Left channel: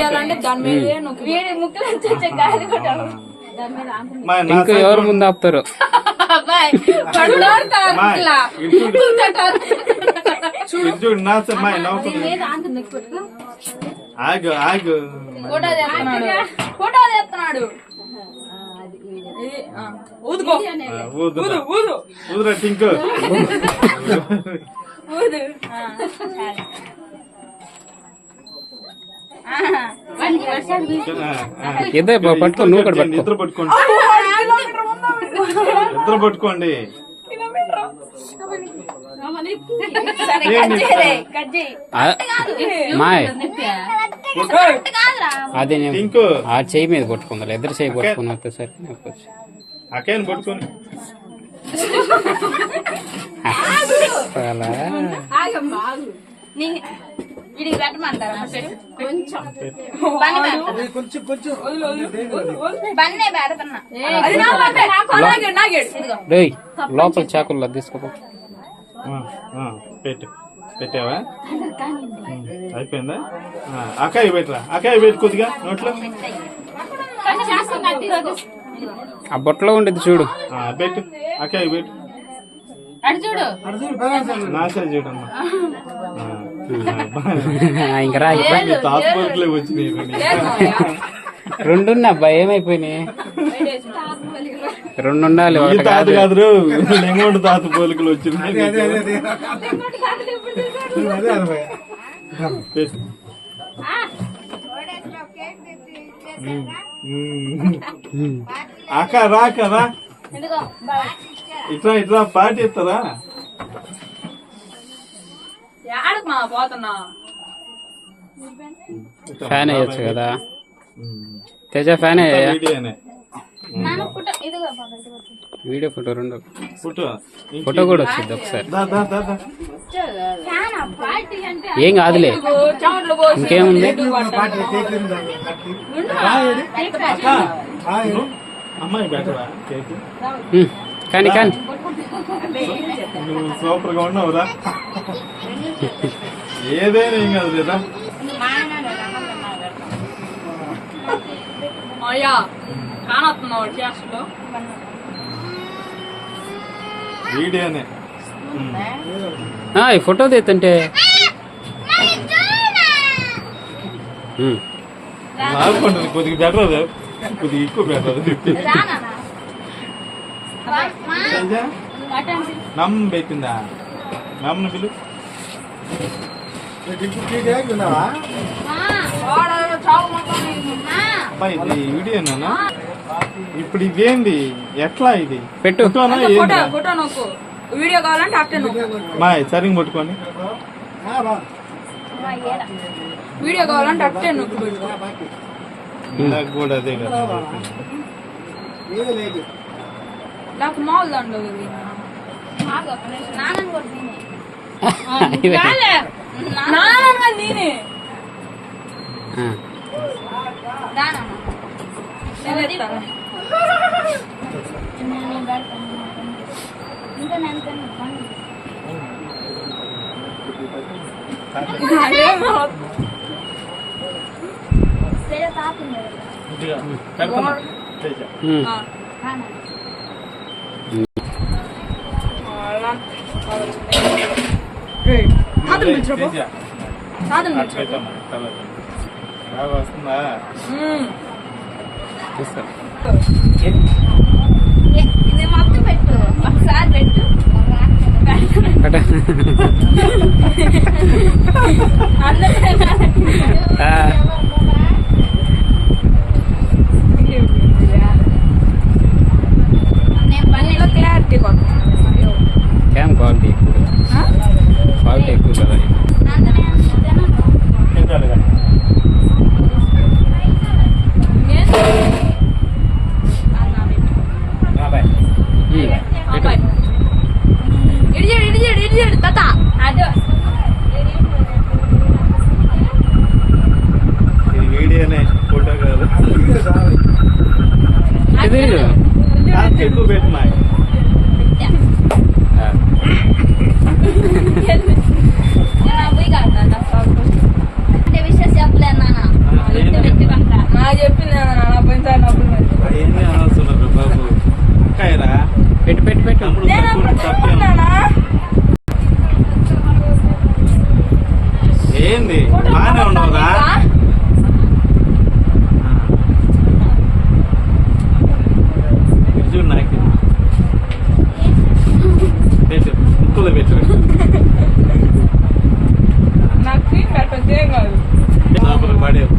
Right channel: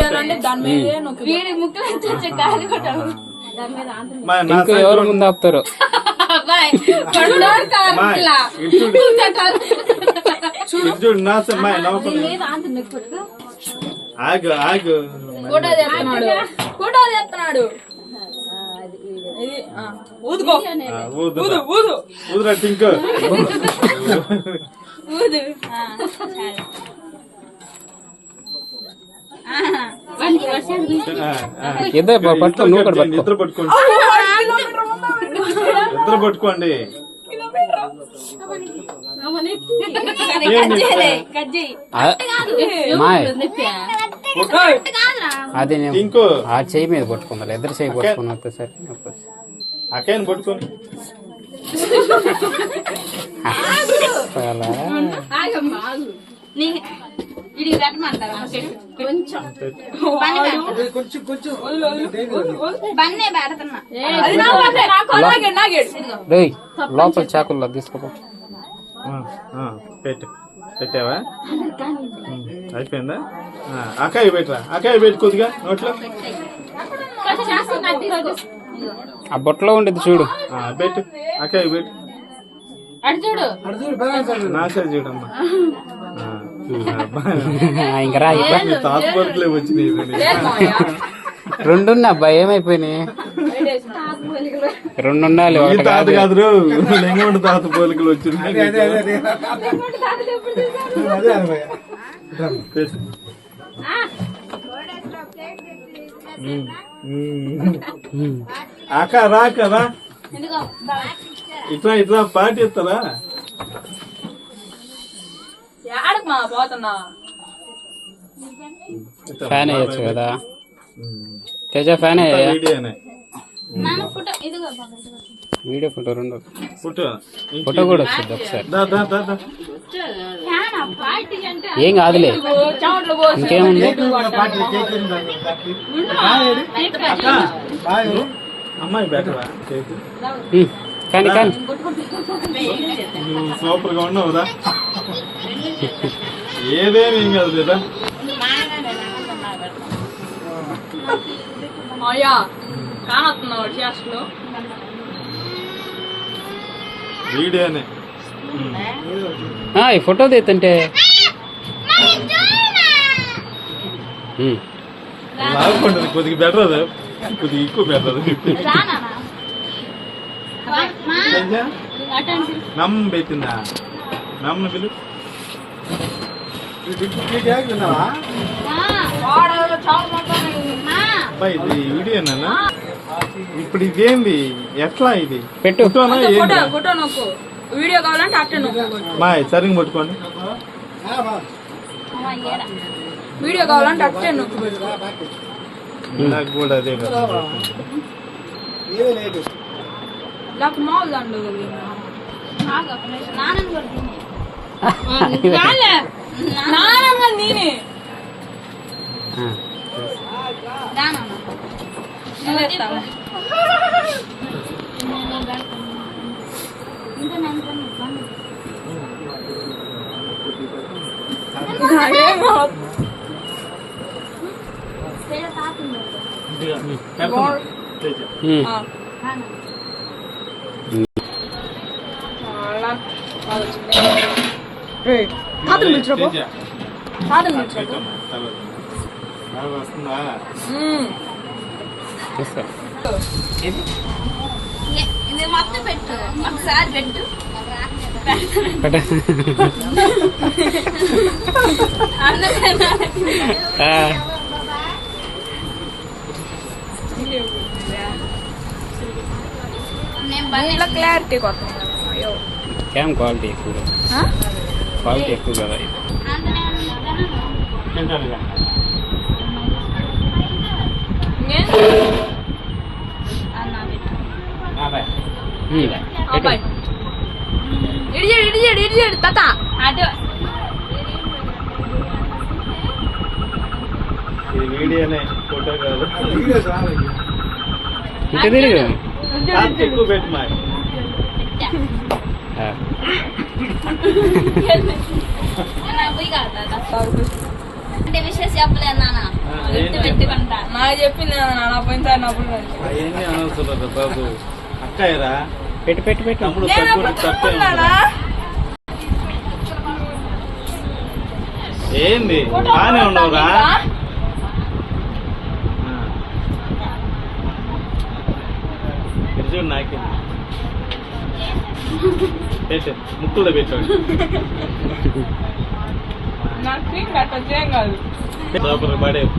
చేయాలంటే దాని మీదే నొక్కి వీడి ముక్కలు వచ్చే కాయలు కొట్టాలి దాని మీద ఇంకా ఎవరు ముందు ఆపుతారు చూడు నా మా నవ్వు మీద ఆంత నొక్కి పెట్టుకో ఆగు ఆగు ఫోటో చేస్తున్నాడు ఊదుకో ఊదు ఊదురా టింకు ఊదు ఇద్దరు పట్టుకో నువ్వు కూడా పట్టుకో ఇద్దరు పట్టుకోండి ఇద్దరు పట్టుకోండి మాయ్ అది టింకు ఆ చెయ్యి మీద పట్టుకుందా ఇద్దరు చెయ్యి పట్టుకున్నా సార్ అక్కని పట్టుకొని ఇది పెట్టమంటారా కొంచెం బన్నే పెడుతున్నా లోపల చాకుల్లో తీసుకోపో పెట్టు పెట్టావా అయిపోయిందా అక్కాయి పెట్టరా అక్కాయి పెట్టు కొద్దిగా నోట్లో ఆ బొట్టలో ఉండేది చూడు పెట్టు అక్కాయి పెట్టు అడు చూడు నాశా చూడమ్మా ఇంకా రా హాస్పిటల్ వచ్చినాయి రెండున్నా అబ్బాయి ఏమైపోయినాయి రెండు ఉండాలి ఒకటి తాత కాదు. కాదు లెంగొండ తాత పోలికలు వచ్చినాయి పెట్టు. అక్క రా అక్క రా ఎందుకో ఇట్లా ఇట్లా పార్టీ ఇస్తారా ఆడకు మా పోతున్నా ఫ్యాన్ వేయచ్చు కదా తేజ ఫ్యాన్ వేయ వీడియోనే వీడియో ఫోటో రెండు ఫోటో ఫోటో కూడా వచ్చింది ఒకసారి దా దా దా దా ఏం కాదులే ఇంకేముంది అక్క అమ్మాయి బెటరా కేక్ కానీ కానీ నువ్వు సూపర్ గా ఉన్నావురా ఏదైనా ఏం కాదు లేదా అయ్యా కానొస్తున్నావు చేస్తలో వీడియోనే ఈ ఫోటో తీస్తుంటే లాగుకుంటుంది కొద్దిగా బెటర్ కొద్దిగా ఎక్కువ బెటర్ నమ్మ పెట్టిందా నమ్మ పిలు ఇది వీడియోనా ఇప్పుడు ఇదేంది ఎట్లా ఇది పెట్టు ఫోటోనా ఏంది ఫోటో నొక్కు వీడియో కావాలంటే అట్టే నొక్కు మా సరిగ్గా పట్టుకోండి వీడియో కావాలంటే అట్టే నొక్కు పెట్టుకో నాకు కూడా అదే కదా నాకు మామూలు దాంట్లో నేనే వస్తుందా ఇది మొత్తం పెట్టు ఒకసారి పెట్టు క్లారిటీ క్యామ్ క్వాలిటీ ఎక్కువ క్వాలిటీ ఎక్కువ కదా ఇది పెట్టు ఇడియాడు తాత అటు ఇది వీడియోనే ఫోటో కాదు తిరిగి ఎక్కువ పెట్టు మా పోయి కాదు ఒకటే విషయం చెప్పలేదు నాన్న గుర్తు పెట్టుకుంటా నాకు చెప్పింది నాన్న పోయినసారి నవ్వులు అవన్నీ అనవసరం బాబు. అక్కయ్యరా పెట్టు పెట్టు పెట్టు తమ్ముడు తప్పే ఏంది బానే ఉండవురా. చూడు నాకు పెట్టు ముక్కులో పెట్టాడు. నాకు క్రీమ్ కట్టొచ్చు ఏం కాదు లోపల పడేవు.